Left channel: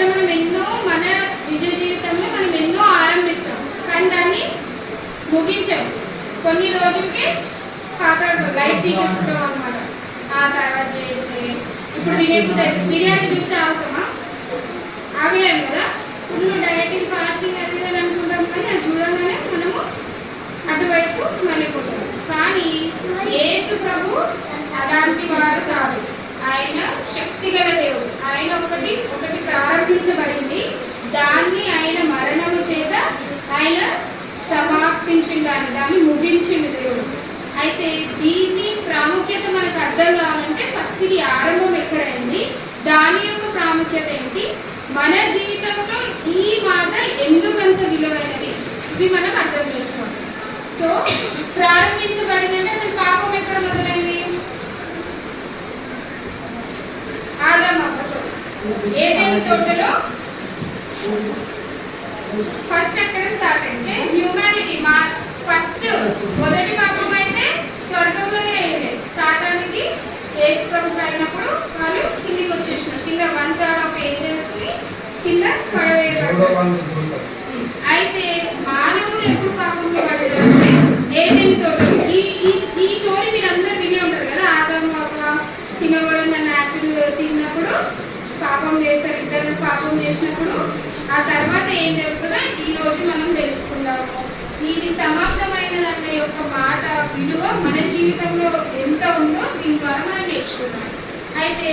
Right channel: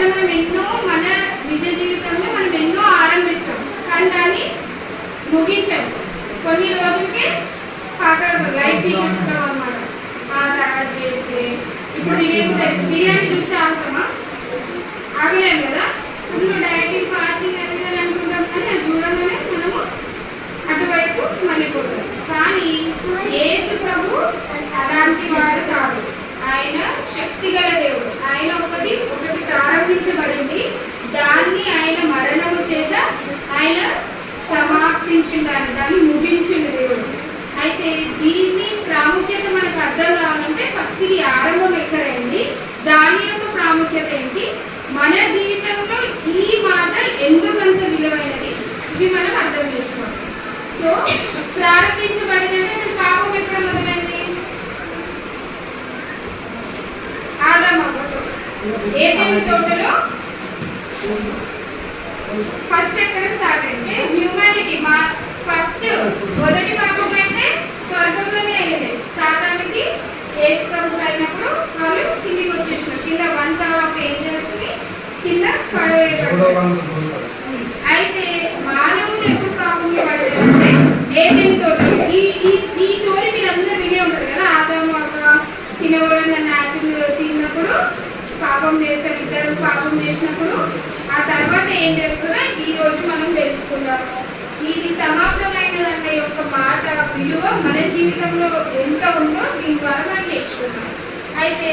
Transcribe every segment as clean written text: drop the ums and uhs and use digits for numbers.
అట్లా మనం ఎన్నో మన నిజ జీవితంలో మనం ఎన్నో ఆరంభిస్తాం, కానీ దాన్ని ముగించాం. కొన్ని రోజులకే లైట్ తీసేసుకుంటాం అనమాట. ఆ తర్వాత చేసి ఇప్పుడు బిర్యానీ చూస్తే ఆగుతామా? ఆగలేము కదా. ఫుల్ డైటింగ్ ఫాస్టింగ్ అది అనుకుంటాం, కానీ అది చూడగానే మనము అటువైపు మళ్ళీపోతాం. కానీ యేసు ప్రభు అలాంటి వాడు కాదు. ఆయన శక్తిగల దేవుడు. ఆయన ఒకటి ప్రారంభించబడింది, దాన్ని ఆయన మరణము చేత ఆయన సమాప్తించింది, దాన్ని ముగించింది దేవుడు. అయితే దీన్ని ప్రాముఖ్యత మనకు అర్థం కావాలంటే ఫస్ట్ ఈ ఆరంభం ఎక్కడైంది, దాని యొక్క ప్రాముఖ్యత ఏంటి, మన జీవితంలో ఈ మాట ఎందుకంత విలువైనది, ఇవి మనం అర్థం చేసుకోవాలి. సో ప్రారంభించబడిందంటే అసలు పాపం ఎక్కడ మొదలైంది? ఆదాము అవ్వతో ఏదైనా తోటలో ఫస్ట్ ఎక్కడ స్టార్ట్ అంటే హ్యూమానిటీ. ఫస్ట్ మొదటి పాపం అయితే స్వర్గంలోనే అయింది. సాతానికి యేసు ప్రభు అయినప్పుడు వాళ్ళు కిందికి వచ్చేసినారు. కింద 1/3 ఆఫ్ ఏంజల్స్ ని కింద పడవేయబడ్డారు. అయితే మానవులు ఎప్పుడు పాపంలో పడ్డారంటే ఏదైనా తోటలో. ఈ స్టోరీ మీరు అందరూ వినే ఉంటారు కదా. ఆదాము అవ్వ తినకూడదని యాపిల్ తిన్నప్పుడు పాపం చేస్తారు. ఇద్దరు పాపం చేసినప్పుడు ఆ తర్వాత ఏం జరుగుతుందో ఈ రోజు మనం తెలుసుకుందాము. ఇది సమాప్తమైనదనే యొక్క మాట విలువ మన జీవితంలో ఎంత ఉందో దీని ద్వారా మనం నేర్చుకుందాం. అయితే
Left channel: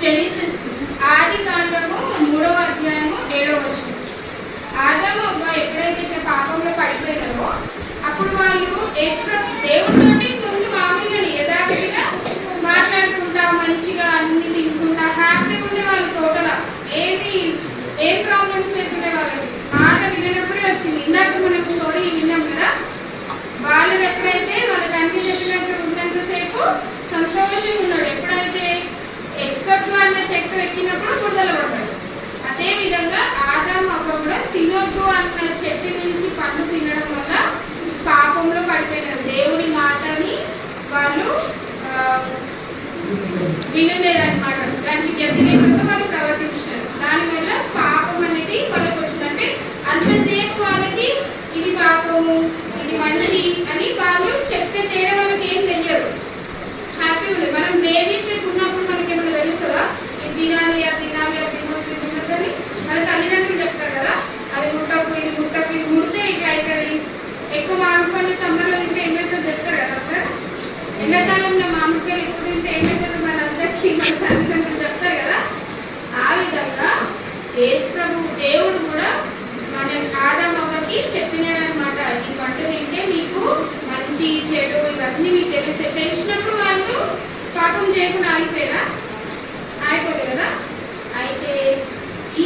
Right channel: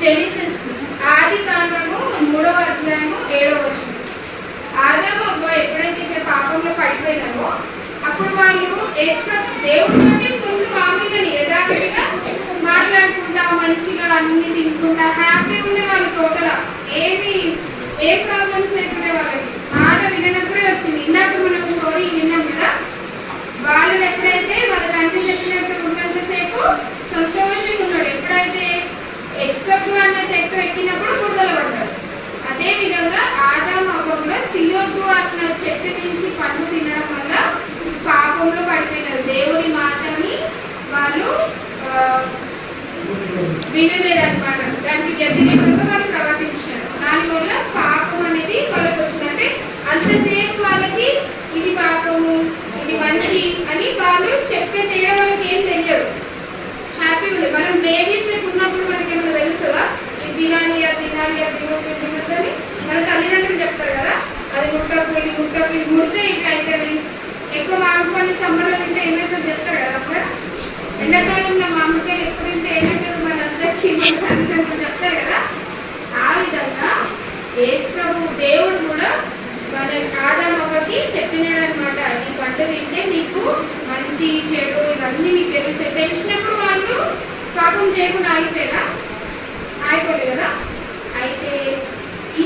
జెనసిస్ ఆది కాండము 3వ అధ్యాయము 7వ వచనం. ఆదాము అవ్వ ఎప్పుడైతే పాపంలో పడిపోయినారో అప్పుడు వాళ్ళు దేవుడితోటి ముందు మామూలుగా యథార్థంగా మాట్లాడుకుంటా మంచిగా అన్ని తినుకుంటా హ్యాపీ ఉండే వాళ్ళ తోటల ఏం ప్రాబ్లమ్స్ లేకుండే వాళ్ళకి. మాట వినప్పుడే వచ్చింది. ఇందాక మనం స్టోరీ విన్నాం కదా. వాళ్ళు ఎప్పుడైతే వాళ్ళ తండ్రి చెప్పినట్టు ఉన్నంతసేపు సంతోషంగా ఉన్నాడు. ఎప్పుడైతే ఎక్కద్దు అన్న చెట్టు ఎక్కినప్పుడు బురదలు పడ్డాడు. అదే విధంగా ఆదాము అవ్వ కూడా తినొద్దు అన్న చెట్టు నుంచి పండు తినడం వల్ల పాపంలో పడిపోయినారు. దేవుని మాటని వాళ్ళు వినలేదన్నమాట. దానికి వ్యతిరేకంగా వాళ్ళు ప్రవర్తించినారు. దానివల్ల పాపం అనేది వాళ్ళకి వచ్చింది. అంటే అంతసేపు వాళ్ళకి ఇది పాపము ఇది మంచి అని వాళ్ళు చెప్పే తేడా వాళ్ళకి ఏం తెలియదు. హ్యాపీ ఉండే మనం బేబీస్ ఉన్నప్పుడు మనకి ఏమైనా తెలుస్తుందా? ఇది తినాలి అది తినాలి అది తినొద్దని మన తల్లిదండ్రులు చెప్తారు కదా. అది ముట్టకు ఇది ముట్టకు ఇది ముడితే ఇట్లా అవుతుంది. ఎక్కువ మామిడి పండు సమ్మర్లో తింటే ఏమైతుందో చెప్తారు కదా. అప్పుడు ఎండాకాలంలో మామిడికాయలు ఎక్కువ తింటే ఏమైతుందో మనందరికీ మన తల్లిదండ్రులు చెప్తారు కదా. ఆ విధంగా యేసు ప్రభు దేవుడు కూడా మన ఆదాము అవ్వకి చెప్పినాడనమాట. ఈ పండు తింటే మీకు మంచి చెడు ఇవన్నీ మీకు తెలుస్తాయి. తెలిసినప్పుడు వాళ్ళు పాపం చేయకుండా ఆగిపోలేదు కదా. అయితే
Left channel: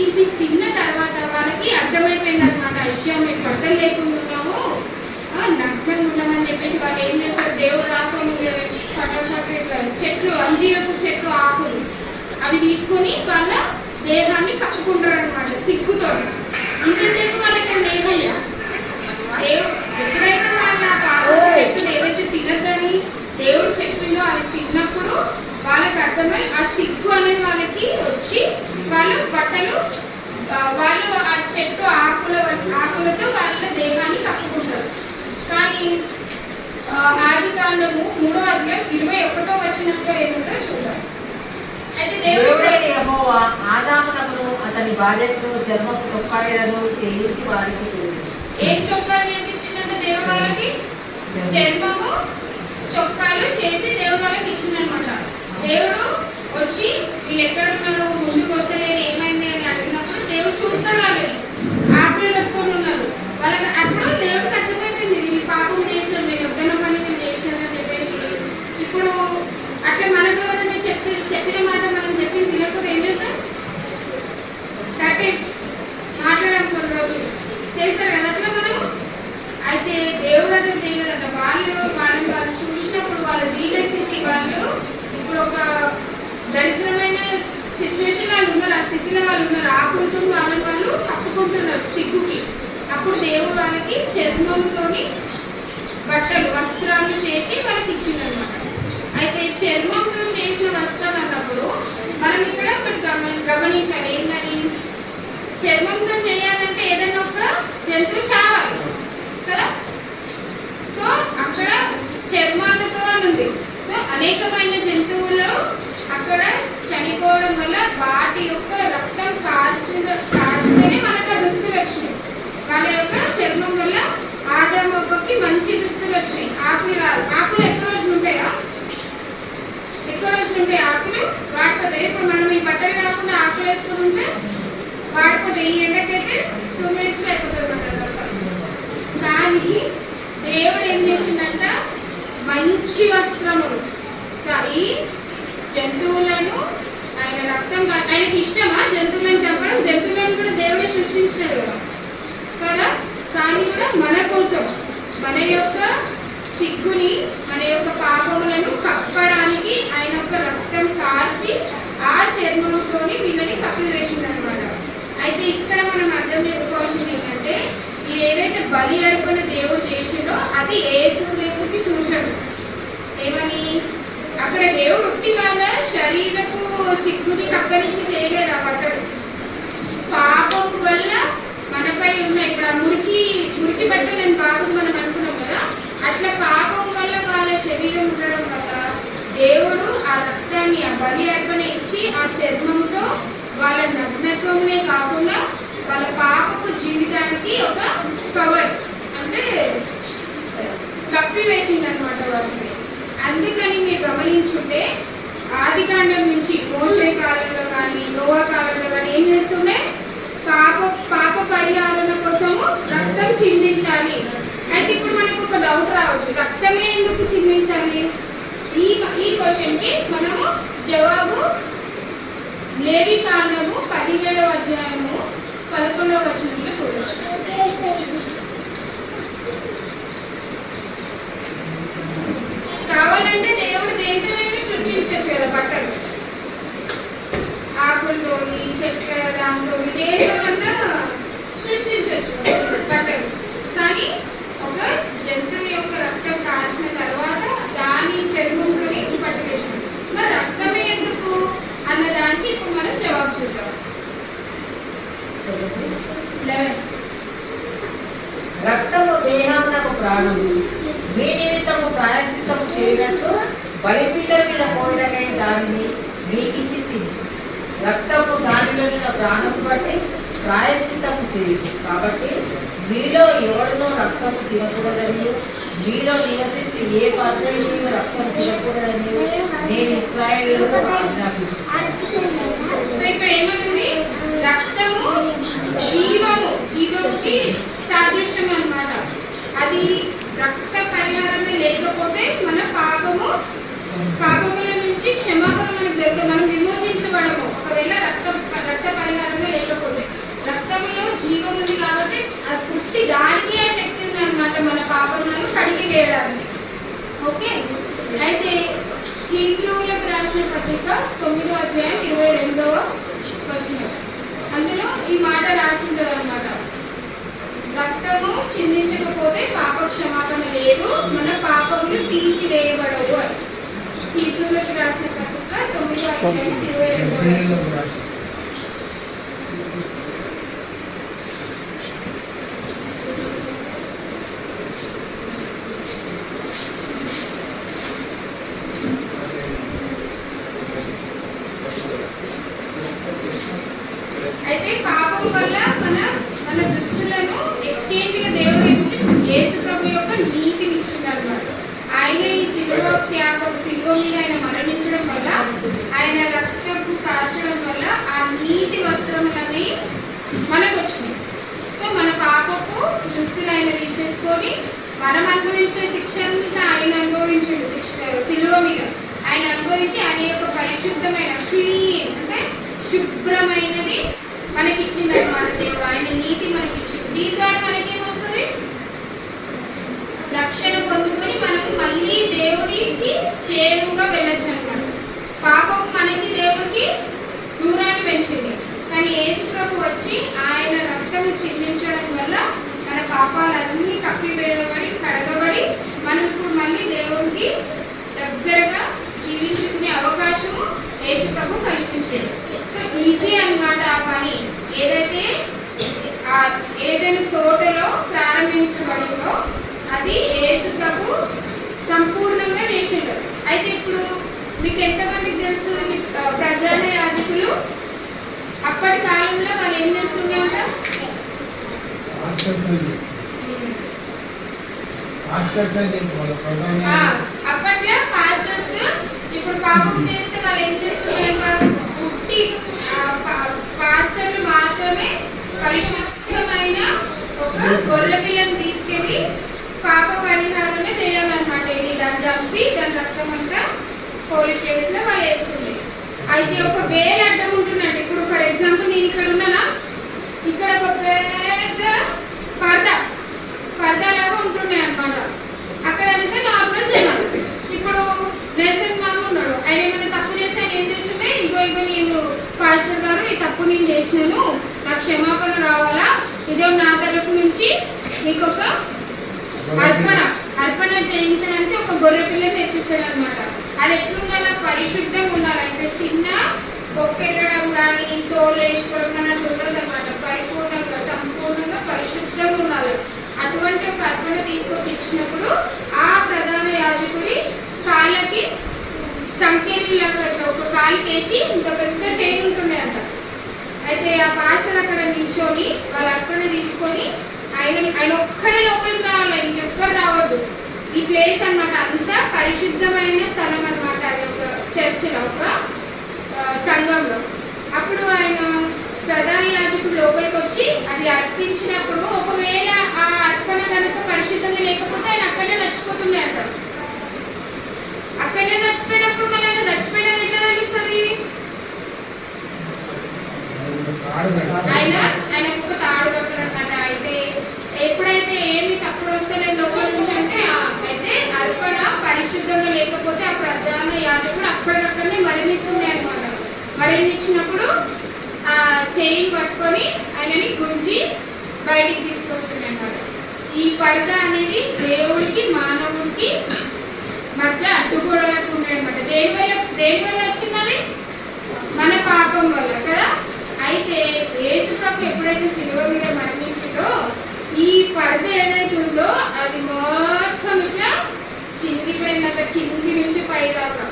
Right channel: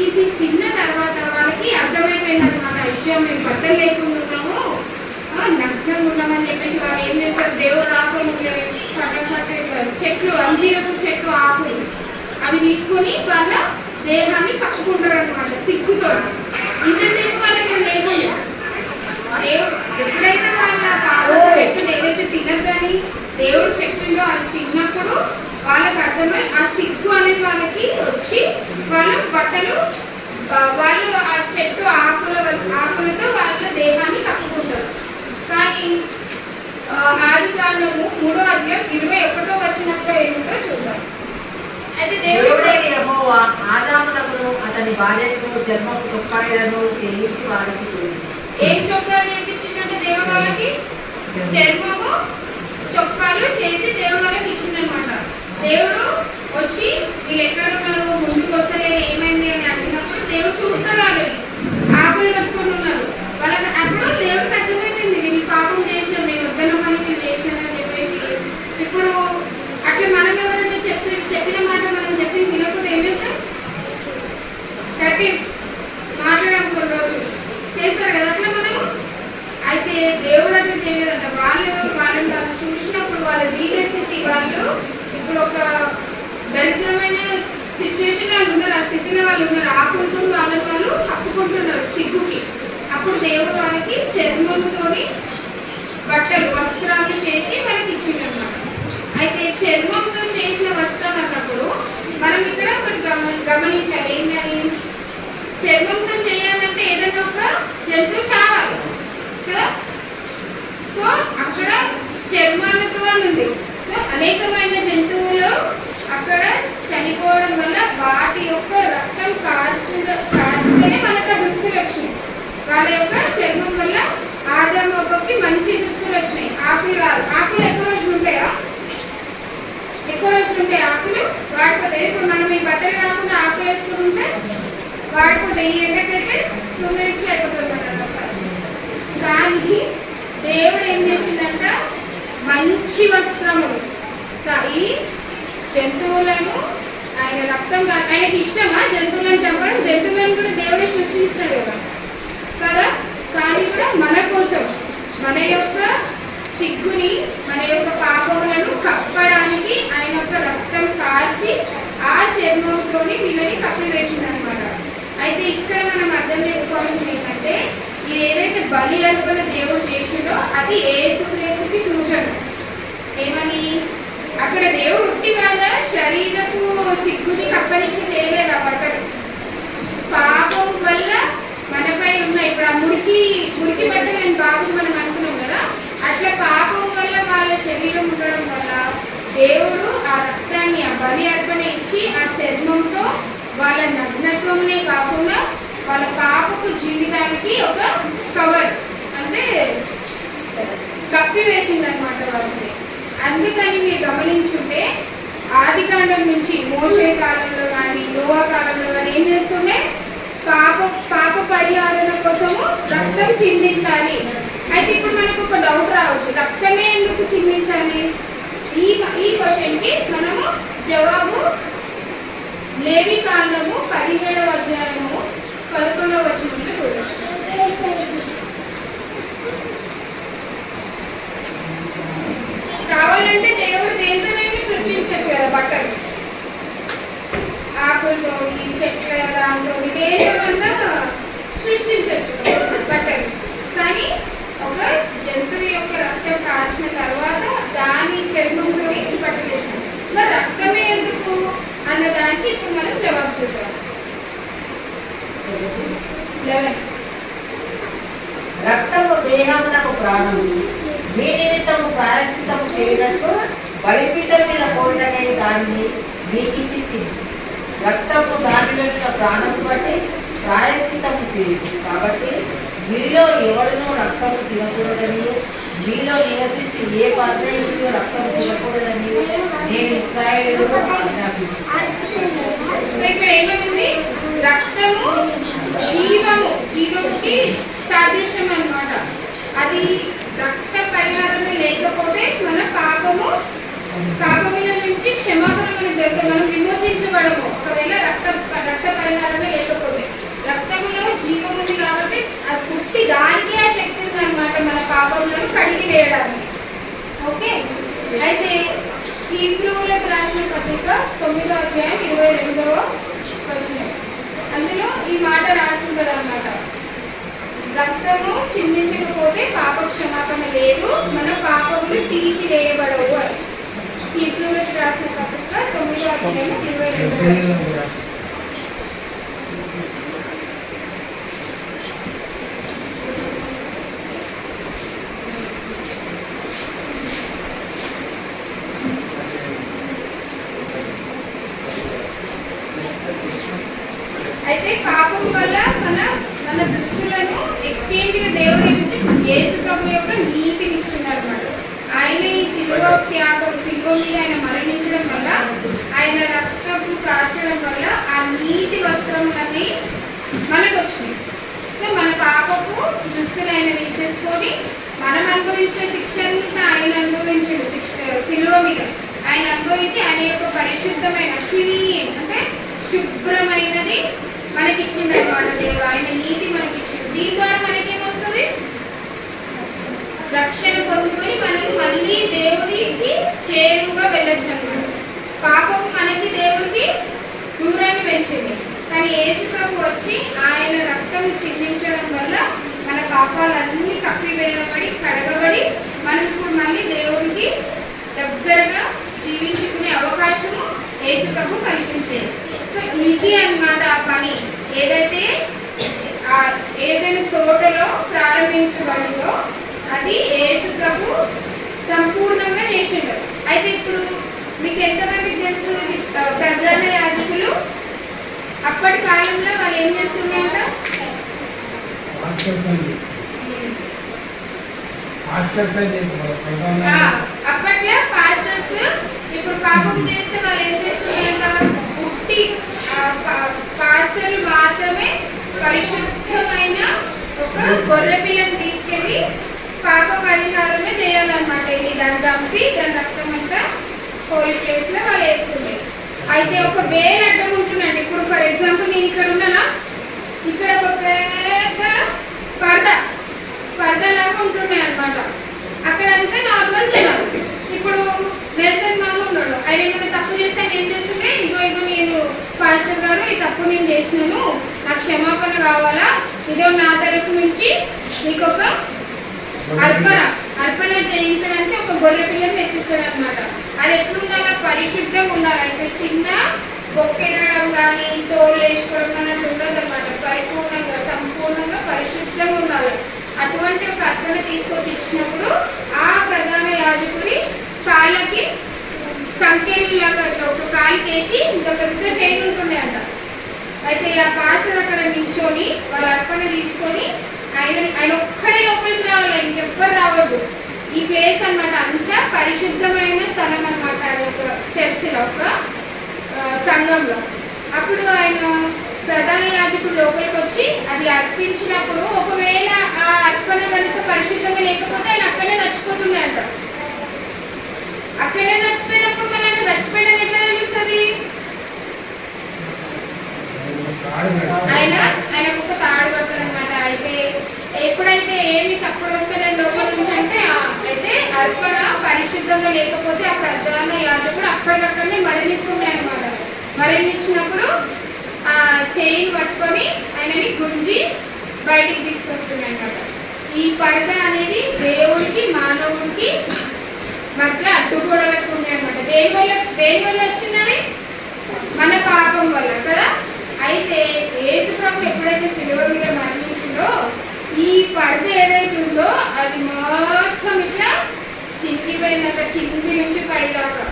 ఇది తిన్న తర్వాత వాళ్ళకి అర్థమైపోయింది అనమాట విషయం. మేము బట్టలు లేకుండా ఉన్నాము, నగ్నంగా ఉన్నామని చెప్పేసి వాళ్ళు ఏం చేస్తారు, దేవుడు రాకుండా చెట్లు అంజీరపు చెట్లు ఆకులు అవి తీసుకొని వాళ్ళ దేహాన్ని కప్పుకుంటారు అనమాట సిగ్గుతో. ఇంతసేపు వాళ్ళకి లేకుండా దేవుడు ఎప్పుడైతే వాళ్ళ చెట్టును ఏదైతే తినద్దని దేవుడు చెట్టులో అది తిన్నప్పుడు వాళ్ళకి అర్థమై ఆ సిగ్గు అనేది వాళ్ళకి వచ్చి వాళ్ళ బట్టలు వాళ్ళు ఆ చెట్టు ఆకులతో వాళ్ళ దేహాన్ని కప్పుకుంటారు. కానీ ఆది కాండము 3వ అధ్యాయం 21వ వచనంలో ఏమిటో చూద్దాం. అయితే దేవుడే యెహోవా ఆదామునకును అతని భార్యకు చర్మపు చొక్కాలను చేయించి వారికి ఏం చొక్కాలు చేయించిందంటే దేవుడు వాళ్ళకి చర్మము చొక్కాలు చేసి దేవుడు వాళ్ళకి ఇచ్చిందనమాట. దేవుడు వచ్చి వీళ్ళు ఎక్కడ ఉన్నారు, ముందుకు వస్తలేరు, ఏమైంది అని అడిగినప్పుడు దేవుడు చూస్తాడు. వాళ్ళని ఆకులు కట్టుకొని ఉన్నారు. వాళ్ళకి అప్పుడు దేవుడికి అర్థమైపోయింది వీళ్ళు పాపం చేసినారు, నేను వద్దన పని నేను చేసినాను అని చెప్పేసి. ఇప్పుడు అట్లా మనం ఎవరైనా చెప్పిన మాట మనం చెప్పి వినకపోతే ఏం చేస్తాం? మాట్లాడాం కొన్ని రోజులు చేస్తారు కదా అట్లా మనం. అయితే దేవుడు అట్లా చేయలేదట. వాళ్ళని చూసినప్పుడు వాళ్ళ దీన స్థితి, వాళ్ళు ఇప్పుడు ఒక దరిద్రమైన సిచ్యువేషన్ వాళ్ళు ఉన్నారు, ఆ స్థితిలో వాళ్ళు ఉన్నారు. ఆకులతో వాళ్ళు కప్పుకుంటున్నారు సిగ్గుకి. అప్పుడు దేవుడు వాళ్ళకి చర్మంతోని బట్టలు వస్త్రాలు చేసి వాళ్ళకి ఇచ్చిందన్నమాట. అయితే చర్మంతో చేసిన వస్త్రాలు అన్నప్పుడు మనం ఇక్కడ ఒకటి గమనించాలి. ఏంటంటే ఒక జంతువు చావాలి కదా. సో అక్కడ చర్మాలతో ఉంది. సో అనేకమైన జంతువులు అక్కడ చనిపోవడం వల్ల వాటి యొక్క రక్తం కాల్చితేనే మనకు దుస్తులు వచ్చినాయి. వాళ్ళ యొక్క చర్మం వల్ల ఆదామకి మంచి దుస్తులు వచ్చినాయి. ఆకులు కాదు, ఆకులు ఎక్కువ రోజులు ఉంటాయా? ఎక్కువ రోజులు ఉంటాయి ఆకులు వాడిపోతాయి. ఇప్పుడు మనం ఈ బట్టలు కాకుండా ఆకులు వేసుకుని ఉంటే వాడిపోతాయి. ఈ ఎండకైతే 2 minutes అయిపోతుంది కదా. దానికి దేవుడు ఏం చేసిందంట, మంచి వస్త్రములు ఈ జంతువులను ఆయన రక్తం ఆయనకి ఇష్టమా జంతువులను చంపడం? జంతువులను కూడా దేవుడే సృష్టించినాడు కదా. కానీ కూడా మన కోసం మన యొక్క సిగ్గుని మన యొక్క పాపములను కప్పడానికి ఆయన యొక్క రక్తం కార్చి ఆ చర్మంతో వీళ్ళని కప్పివేసింది అనమాట. అయితే ఇక్కడ మనం అర్థం చేసుకోవాల్సింది ఏంటంటే, ఇది ఏదైతే బలి అర్పణ దేవుడు చేసిండో అది యేసుక్రీస్తుకి సూచన. ఏమని అక్కడ దేవుడు ఉట్టి వాళ్ళ శరీరపు సిగ్గుని కప్పనికి చేయలేదు. ఆ బట్టలు పాపం వల్ల మనపై ఉన్న ఇప్పుడు ఆ మురికి బట్టలు నేను బాగు మనం అనుకున్నాం కదా, అట్లా పాపం వల్ల వాళ్ళ శరీరం ఉండడం వల్ల దేవుడు ఆ రక్తాన్ని ఆ బలి అర్పణ ఇచ్చి ఆ చర్మంతో వాళ్ళ నగ్నత్వమునే కాకుండా వాళ్ళ పాపపు జీవితానికి ఒక కవర్ అంటే కప్పి వేసిందనమాట వాటిని. అందుకని మీరు గమనించుంటే ఆదికాండం నుంచి మోషే కాలంలో కానీ నోవా కాలంలో కానీ ఏం చేస్తుండే, పాప పరిహారం కోసము రక్తం చిందించాలి. అయితే ఇప్పుడు మనకు ఒక డౌట్ రావచ్చు, రక్తమే ఎందుకు చిందించాలి? ఈ క్వశ్చన్ కి మనము జవాబు లేవి కాండము 17వ అధ్యాయము 11వ వచనంలో చూడవచ్చు. కావాలంటే దేవుడు దేంతోనైనా సృష్టించవచ్చు కదా, బట్టలు ఆకులతోని చెట్ల దాంతో దేంతోనన్నా సృష్టించవచ్చు బట్టలు. కానీ ఒక జంతువు యొక్క రక్తం కాల్చిన తర్వాత దాని చర్మంతో బట్టలు వేసినాం. మరి రక్తమే ఎందుకు అన్న దానికి ఇప్పుడు మనం జవాబు చూద్దాం. 11 రక్తము దేహమునకు ప్రాణము, మీ నిమిత్తము ప్రాయశ్చిత్తము చేయనట్టు బలిపీఠం మీద పోయిననే దానిని మీకు చెప్పింది. రక్తము దానిలో ప్రాణము బట్టి ప్రాయశ్చిత్తము చేయదు. కాబట్టి మీలో ఎవరినో రక్తము తినకూడదని, మీలో నివసించి ఏ పరదేశీయు రక్తము తినకూడదని నేను ఇశ్రాయేలుకు ఆజ్ఞాపించాను. సో ఇక్కడ ఏమవుతుంది, రక్తము జీవముకి సాదృశ్యం అన్నమాట. అది రక్త పరిహారం లేకపోతే మన పాపముల నుంచి క్షమాపణ మనకు దొరకదు, మనం విమోచించబడము. ఒకవేళ రక్త పరిహారం లేకపోతే రక్తంలో జీవం ఉంది కాబట్టి అది పుట్టి దానికి ఆ శక్తి ఉంది అనమాట మన పాపములను కడిగి వేయడానికి. ఓకే, అయితే హీబ్రూలకు రాసిన పత్రిక 9వ అధ్యాయం 22వ వచనం, అందులో ఈ మాట రాసింది అనమాట, రక్తము చిందించకపోతే పాప క్షమాపణ లేదు, మన పాపములు తీసివేయబడవు అని. హీబ్రూలకు రాసిన పత్రిక 9వ అధ్యాయం 22వ వచనం. అయితే పాపం వల్ల మన దుస్తులను ఎక్స్చేంజ్ గా దేవుడు నుంచి యేసు ప్రభు యొక్క నీతిని ఇచ్చినాడు అన్నమాట. ఆయన ఈ సిలువ మీద ఆయన మరణించడం వల్ల, ఆయన రక్తపు కార్చడం వల్ల ఆ నీతి వస్త్రములన్నీ మనకు వచ్చినాయి. సో మన పాపపు దుస్తులు ఆయన తీసేసుకొని మనం అనుభవించిన శిక్ష అంతా ఆయన అనుభవించాడు. సిలువ మీద ఆయన అనుభవించి ఆయన యొక్క పరిశుద్ధమైన క్లీన్ అంటే శుభ్రమైనది మనకిచ్చింది అన్నమాట. దేవుడు ఆయన నీతి మనకిచ్చింది. దీని ద్వారా మనకేమొస్తుంది, రక్షణ పొందుకొని మనం మళ్ళీ దేవుడికి చేరువుగా వెళ్ళొచ్చు అన్నమాట. పాపం మనకి దేవుడికి దూరాన్ని పెంచింది, కానీ యేసు ప్రభు వచ్చి ఆయన రక్తం చిందించడం వల్ల మన పాపాలన్నీ కప్పివేయబడి కడగబడి మనం ఇప్పుడు మళ్ళీ దేవుడికి దగ్గరగా జీవించుకునే అవకాశము యేసు ప్రభు కల్పించేది. సో ఇది అన్నమాట ఆ పని. ఏదైతే ఆ ఏదైనా తోటలో ప్రారంభించబడిందో అది యేసు ప్రభు సంపూర్ణంగా చేసిండు. అయితే ఇప్పుడు మీకు ఎంతమందికి తెలుసు ఇది ప్రధాన యాజకులు అప్పటి కాలంలో వాళ్ళు ఏం చేస్తుండే అప్పట్లో పాస్టర్స్ ఇప్పుడు పాపం చేస్తే వాళ్ళు ఏం చేస్తుండే పుట్టి పాస్టర్లు మాత్రమే పరిశుద్ధమైన ఒక గొర్రె పిల్లని తీసుకెళ్లి పాప పరిహారమే చేయాలన్నమాట. ఇది దాన్ని చంపి దాని రక్తం అంతా హోలీ ప్లేస్ లో వాళ్ళు వేసుకుంటారు. అయితే ఒక వేలు అడ్డం ఉంటుందండి. ఇప్పుడు ఫర్ ఎగ్జాంపుల్ నేను ఇక్కడ ఉన్నానా, ఇక్కడ ఒక పెద్ద పరద లాగా ఉంటున్నాయి అనమాట. అక్కడంతా నార్మల్ జనాలు. ఇప్పుడు నెల్సన్ మామ ఉన్నాడు, ఆయన ఏమైనా తప్పు చేస్తే ఆయన ఏం చేస్తుంటే ఇగో నేను పాస్టర్ గారు ఈ తప్పు నేను చేసినాను, నాకు క్షమాపణ కావాలా, ఇదో నా తరఫు నుంచి మీకు ఒక అర్పణ చేయించడానికి ఒక గొర్రె పిల్లని తెచ్చిస్తాడు అనమాట. అది ఎట్లుండాలి, పరిశుద్ధంగా ఉండాలి. అంటే చిన్న బొక్కెరడం కానీ తోలు వేసుకోవడం కానీ అట్లా ఉండదు అనమాట. పరిపూర్ణంగా సంపూర్ణంగా పరిశుద్ధంగా ఉండాలి. అటువంటి ఒక అర్పణ తీసుకొచ్చి ఇచ్చినప్పుడు ఆ ప్రధాన యాజకుడి కాళ్ళకి సంఖ్యలాగా ఒక కాలుకేసి ఇంత పెద్ద చైన్ ఉంటుండే అంట. అయితే ఆ పాస్టర్ అక్కడ నిల్చొని వాళ్ళ అర్పణ తీసుకొని ఆయన ఒక్కడే లోపలికి రావాలి, ఇంకెవ్వరు రావద్దు. ఈ ప్లేస్ అన్నమాట అంత పరిశుద్ధమైన స్థలం అన్నమాట. అది ఒక చర్చిలో ఒక సంఘంలో. అప్పుడు ఆయన ప్రధాన యాజకుడు లోపలికి వచ్చి అది అర్పించినప్పుడు ఒకవేళ ఆ అర్పణ కనుక పరిశుద్ధంగా లేకపోతే ఆయన అక్కడే చచ్చిపోతుండే అంట. అక్కడే చచ్చిపోయినప్పుడు మళ్ళీ ఆయన చచ్చిపోయినది ఎట్లా తెలుస్తుంది? ఆయనకు ఒక తాడు కట్టారనమాట. అయితే ఎప్పుడైతే ఏమి తప్పుడు వస్తుంది లోపల నుంచి అంటే అయితే అర్పణ పరిశుద్ధంగా లేకపోతే ఆ ప్రధాన యాజకుడు అప్పటికక్కడనే మరణిస్తుండే అనమాట. మరణించినప్పుడు ఆ చైన్ పట్టుకొని ఆయనని గుంజి బయటికి తీసుకొస్తుంది అనమాట. ఈ పరద అనేది దేవుడికి మానవుడికి మధ్య అడ్డుగోడలకు ఉండే అనమాట. దేని వల్ల వచ్చిందని మన పాపం వల్ల కదా. అయితే యేసు ప్రభు ఎప్పుడైతే శిలువ మీద మరణించిందో ఈ పరద ఏదైతే ఉందో అది మొత్తం ఇట్లా చిందిపోయినంత కింది నుంచి పై దాకా.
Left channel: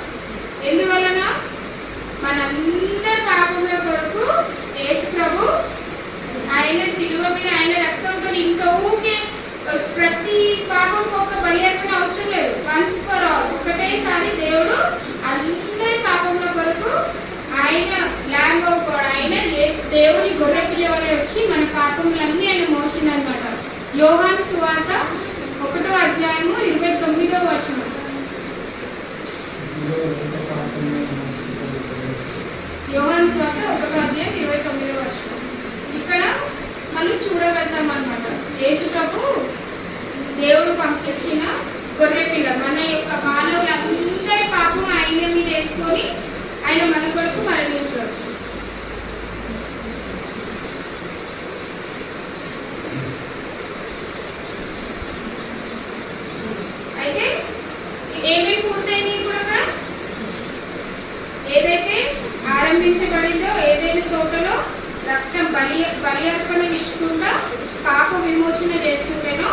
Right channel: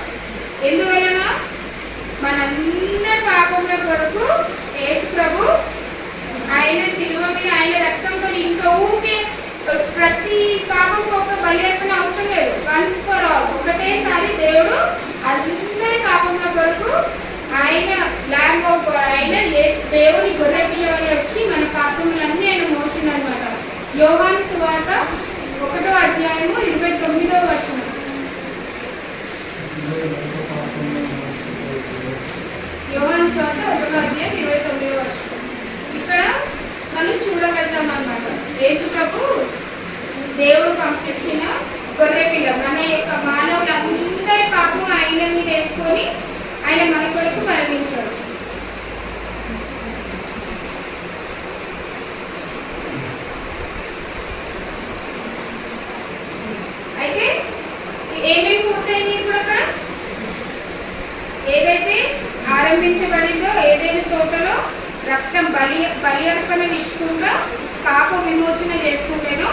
ఎందువలన మనందరి పాపముల కొరకు యేసు ప్రభు ఆయన శిలువ మీద ఆయన రక్తంతో ఇంకా ఊకే ప్రతి పాపంకు ఒక బలి అర్పణ అవసరం లేదు. వన్స్ ఫర్ ఆల్ ఒకటేసారి దేవుడు అందరి పాపముల కొరకు ఆయన ల్యాంబ్ ఆఫ్ గాడ్, ఆయన దేవుని గొర్రె పిల్ల వలె వచ్చి మన పాపములన్నీ ఆయన మోసిండు అనమాట. యోహాను సువార్త 1వ అధ్యాయము 29వ వచనం. యోహాను సువార్త 1వ అధ్యాయం 29వ వచనం. ఇక్కడ మనం చూడగలుగుతాం అన్నమాట. యేసు ప్రభు దేవుడు పంపించిన గొర్రె పిల్ల మన యొక్క మానవులందరి పాపం ఆయన మీద వేసుకొని ఆయన మన కొరకు మరణించాడు. అయితే ఏమేమి పూర్తయింది ఇప్పుడు అక్కడ ఏదైతే ఆరంభించబడిందో ఏదైనా తోటలో రక్తం బలి అర్పణ ఇచ్చుకుంటా పాప విమోచన చేసుకుంటేనో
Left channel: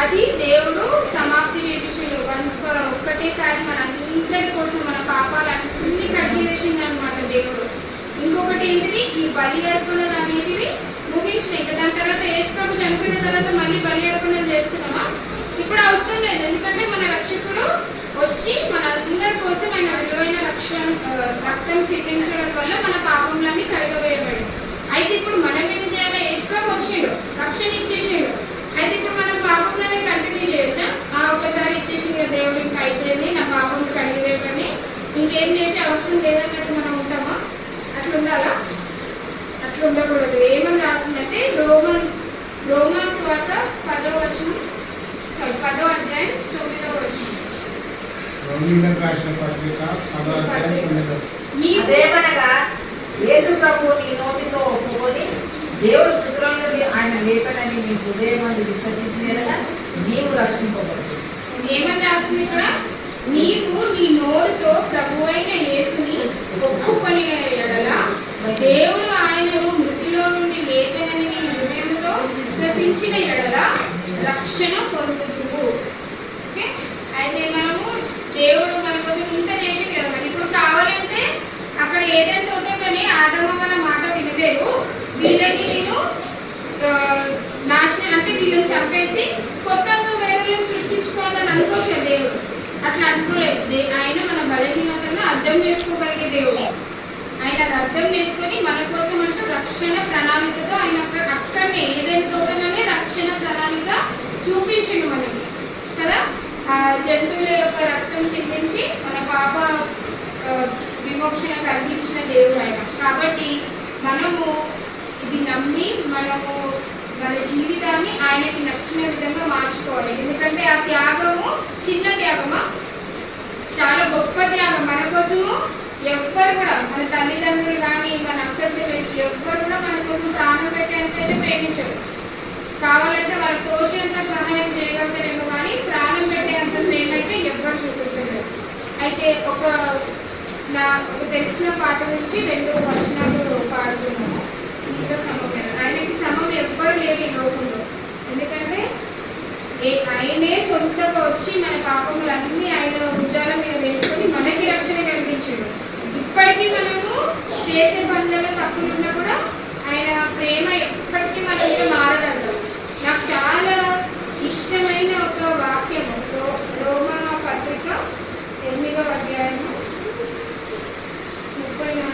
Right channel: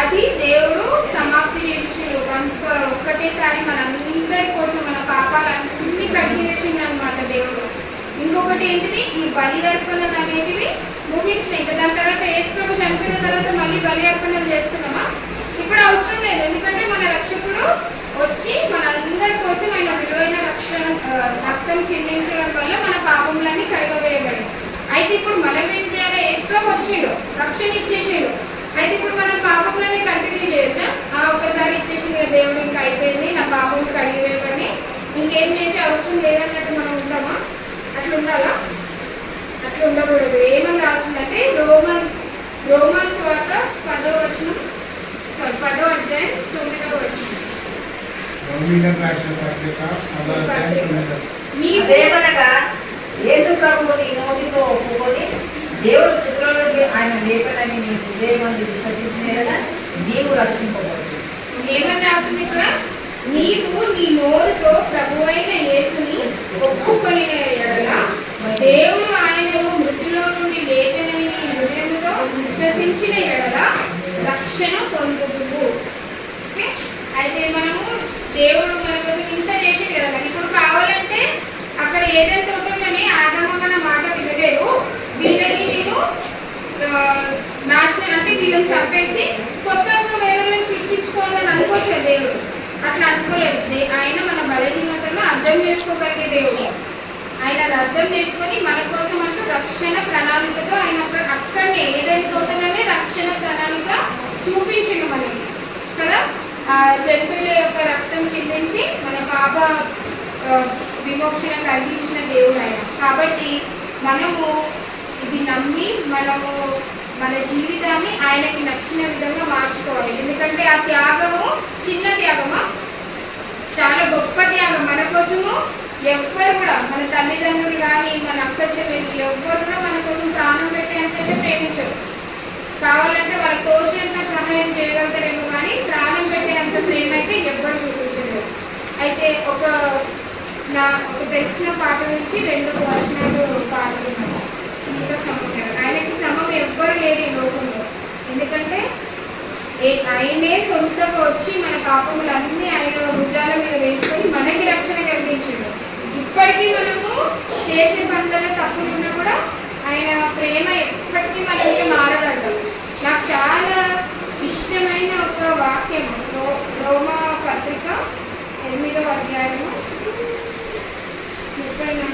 అది దేవుడు సమాప్తి చేసేసాడు. వన్స్ ఫర్ ఒక్కటేసారి మనందరి కోసం మన పాపాలన్నీ కడిగి వేసిండు అనమాట దేవుడు. ఇంకొకటి ఏంటిది, ఈ బలి అర్పణలు అనేటివి ముగించినాయి. దాని తర్వాత యేసు ప్రభు చనిపోయిన తర్వాత మళ్ళీ బలి అర్పణలు చేస్తున్నామా? ఇప్పుడు అవసరం లేదు. ఎందుకంటే మన రక్షకుడు వచ్చి మనందరి కోసం ఆయన విలువైన రక్తం చెల్లించడం వల్ల మన పాపములన్నీ కడగవేయబడి. అయితే ఇప్పుడు మనం ఏం చేయాలి? యేసు ప్రభు వచ్చిండు, రక్షణ ఇచ్చేసాడు. అయితే ఇప్పుడు మనం పాపంలోనే కంటిన్యూ చేయొచ్చా? ఒక్కసారి ఇచ్చేసింది దేవుడు, ఇంకా అయిపోయింది, నా పాపం కడిగివేయబడి ఇంకేం చేసే అవసరం లేదన్నట్టు మనం ఉంటామా? అట్లా ఉండాలా? అట్లా ఉండకూడదు. ఏమని రాసిందంటే రోమన్స్ వార్త 10వ వచనం, 10వ అధ్యాయం 9వ వచనం. దేవనగా యేసు ప్రభువు నీ నోటితో ఒప్పుకొని దేవుడు పుత్రులని ఆయన లేపనని నీ హృదయమందు విసర్జించిన కదా నీవు రక్షింపబడు. ఏమని రాసింది ఇక్కడ? నీవు నీ నోరుతో ప్రభువైన యేసుని ఒప్పుకొని ఎడల దేవుడు ఆయనను మృతిలో నుండి లేపనని నీ హృదయంలో విశ్వసించిన ఎడల రక్షణ పొందుదువు. ఓకే, అయితే మనము దేవుడు మన కోసం ఇంత చేసింది కదా. ఇప్పుడు కావాలంటే అక్కడ ఏదైతే తోటలోనే ఆదమగల మాట వినలేరు, వీళ్ళని నేను నాశనం అంటే వీళ్ళని చంపేసి కొత్తగా వేరులను సృష్టించుకోవాలని అనుకోవచ్చు దేవుడు. అట్లా అనుకోలేదు. ఆయన మన బలహీనతలను అర్థం చేసుకోగలిగే దేవుడు. ఆయన అది అర్థం చేసుకొని మన కోసం అంటూ రక్షణ ప్రణాళికతో ఆయన అక్కడనే ఏదైనా తోటలోనే రక్షణ ప్రణాళిక చూపించను మనకి కదా. ఆ జంతువుల యొక్క రక్తం చిందించి మన పాప విమోచన కలిగించిన దేవుడు ఆయన. కాబట్టి మనము ఇది నమ్మి మనము మన జీవితాన్ని ఆయనకి నచ్చిన విధంగా మార్చుకోవాలి. ఎందుకంటే ఆ త్యాగము చిన్న త్యాగమా, చాలా గొప్ప త్యాగం. మన కోసము ఎవ్వరు కూడా, మన తల్లిదండ్రులు కానీ మన అక్క చెల్లెలు ఎవ్వరు కూడా మన కోసం ప్రాణం పెట్టేంతైతే ప్రేమించరు. కావాలంటే వాళ్ళకి తోచినంత సహాయం చేయగలుగుతారేమో కానీ ప్రాణం పెట్టేంత ప్రేమ అయితే ఎవ్వరు చూపించలేదు. అయితే ఒక తెలిసిన పాట నుంచి 2 వచనాలు పాడుతున్నాను. నీతో సమమే, ఆయనకి సమం ఎవ్వరు లేరు ఈ లోకంలో. ఎందుకంటే ఆయనే సొంతగా వచ్చి మన పాపములన్నీ ఆయన భుజాల మీద వేసుకొని మనకి రక్షణ కలిగించిండు. ఇప్పటికీ మనము చేసే పనులలో తప్పులున్నా కూడా ఆయన ప్రేమ ఎప్పటికీ మన మీద మారదంట. నాకు చాలా ఇష్టమైన ఒక వాక్యం రోమా పత్రిక 8వ అధ్యాయము 34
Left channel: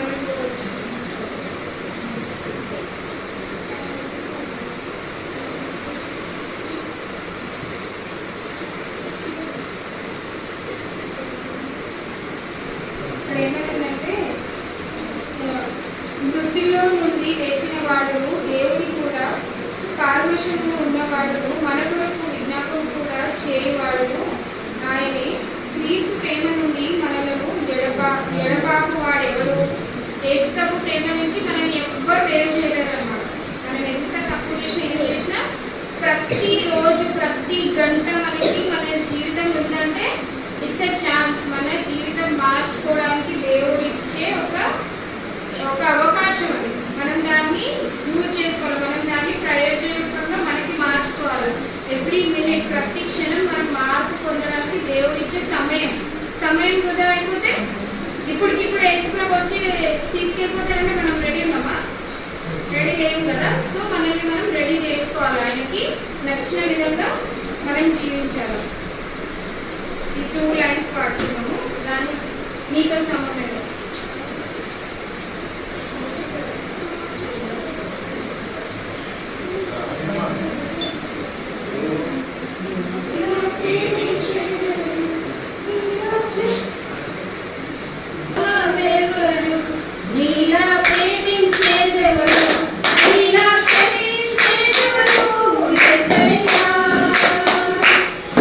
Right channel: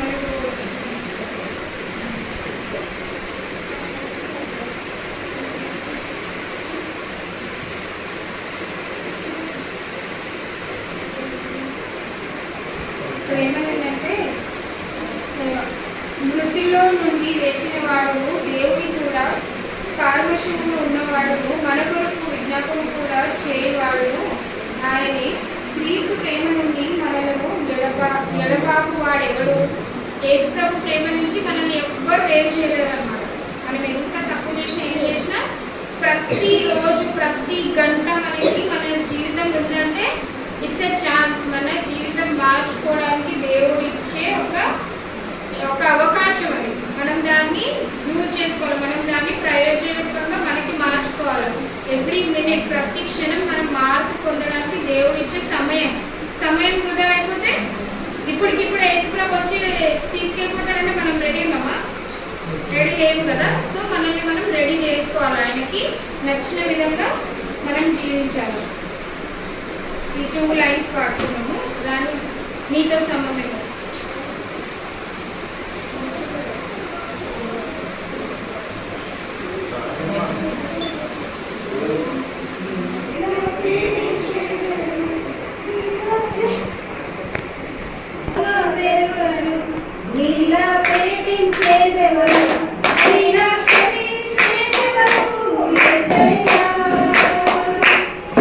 ఏమైందంటే, మృతిలో నుండి లేచిన వాడు దేవుని కూడా పారవశంలో ఉన్నవాడు మన కొరకు విజ్ఞాపన కూడా చేయవాడు ఆయనే. క్రీస్తు ప్రేమ నుండి మనలను ఎడబాపు వాడెవడు? యేసు ప్రభు ప్రేమ నుంచి మనల్ని ఎవ్వరు వేరు చేయలేరన్నమాట. మనం ఎంత తప్పు చేసినా ఏం చేసినా ప్రతిరోజు ప్రతి గంట మనకి మన జీవితం ఉందంటే ఇట్స్ ఎ ఛాన్స్. మన జీవితం మార్చుకోవడానికి దేవుడు ఇచ్చే ఒక అవకాశం అది. మనం దాన్ని యూజ్ చేసుకోవాలి, మనం దాన్ని ప్రయోజనకంగా మనకి మార్చుకోవాలి. ఎవ్రీ మినిట్, ప్రతి క్షణం మనం మార్పు పొందడానికి దేవుడు ఇచ్చే సమయం వృధా అయిపోతే ఇప్పటికిప్పుడు యేసుప్రభు వచ్చి తీసుకెళ్ళిపోతారంటే మనం రెడీ ఉన్నామా? రెడీ లేము కదా. సో మనల్ని మనం రెడీ చేసుకోవాలి, ఆయనకి నచ్చిన విధంగా మనం జీవించాలి. ఈ 2 లైన్స్ పాడుతున్నాము. దాన్ని నీతో సమమే. నీలా ప్రేమించేదెవరు? నీలా క్షమించేదెవరు? యేసయ్యా.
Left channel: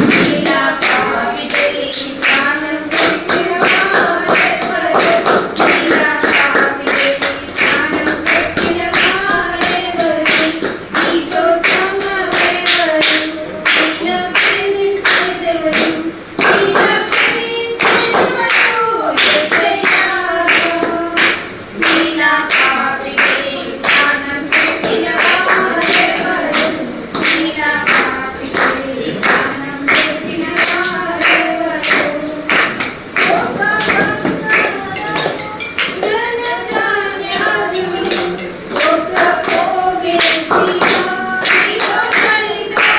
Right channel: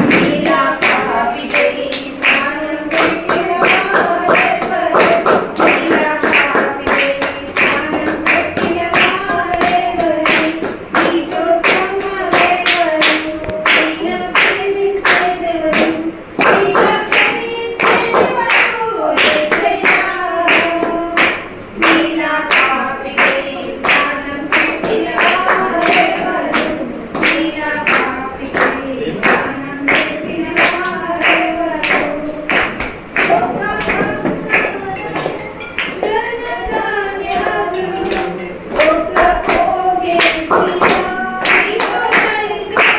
నీలా పాపికై ప్రాణం పెట్టిన వారెవరు? నీలా పాపికై ప్రాణం పెట్టిన వారెవరు? నీతో సమమెవరు? నీలా ప్రేమించేదెవరు? నీలా క్షమించేదెవరు? యేసయ్యా. నీలా పాపికై ప్రాణం పెట్టిన వారెవరు? నీలా పాపికై ప్రాణం పెట్టిన వారెవరు? ఘనధాన్యాదులు ఒక పోగేసి నీతో కలిదును.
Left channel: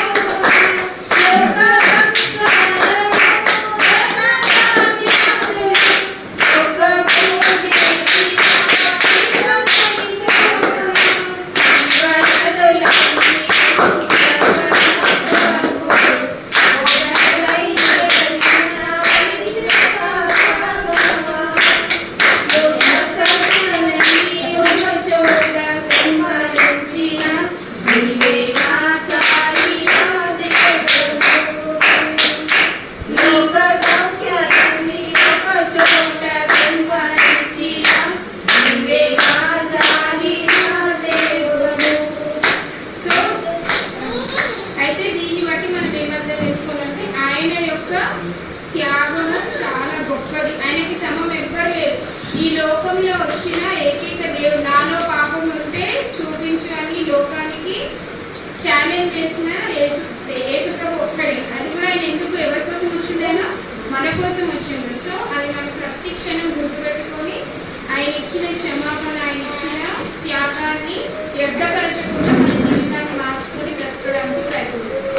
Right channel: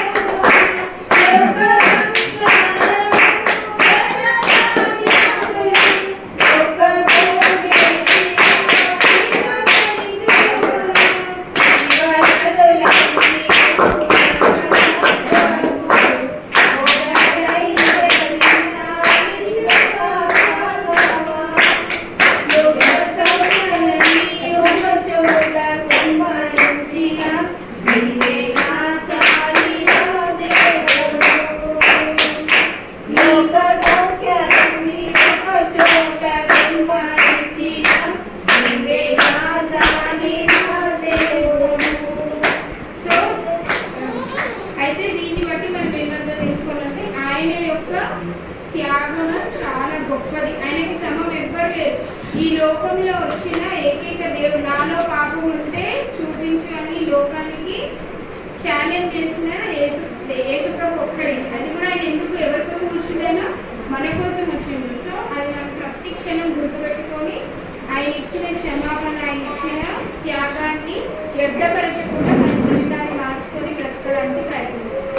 లోక బంగారము ఘనధాన్యాదులు ఒక పోగేసి నీతో కలిదును. వరదలన్నీ అయితే దీన్ని బట్టి మనం ఏమర్థం చేసుకోవాలంటే ఆయన యొక్క త్యాగము చాలా గొప్పది. ఆయనకి సమం ఎవ్వరు లేరు. ఈ లోకంలో వచ్చిన ఏకైక దేవుడు నాలో పాపం ఉంటే చూపించు అని లోకానికి ఛాలెంజ్ చేసిన యేసుప్రభు ఒక్కడే. అది కూడా ఆయన ఎందుకు ఎవరి కోసం వచ్చిండేనో మన కోసం వచ్చిండు. సో అది మనం ప్రతి క్షణం గుర్తుపెట్టుకొని ఆయన ఇచ్చిన క్షమాపణ, ఆయన ఇచ్చిన త్యాగాన్ని వ్యర్థపరచకుండా మన జీవితాన్ని మార్చుకొని బ్రతకడానికి ప్రయత్నం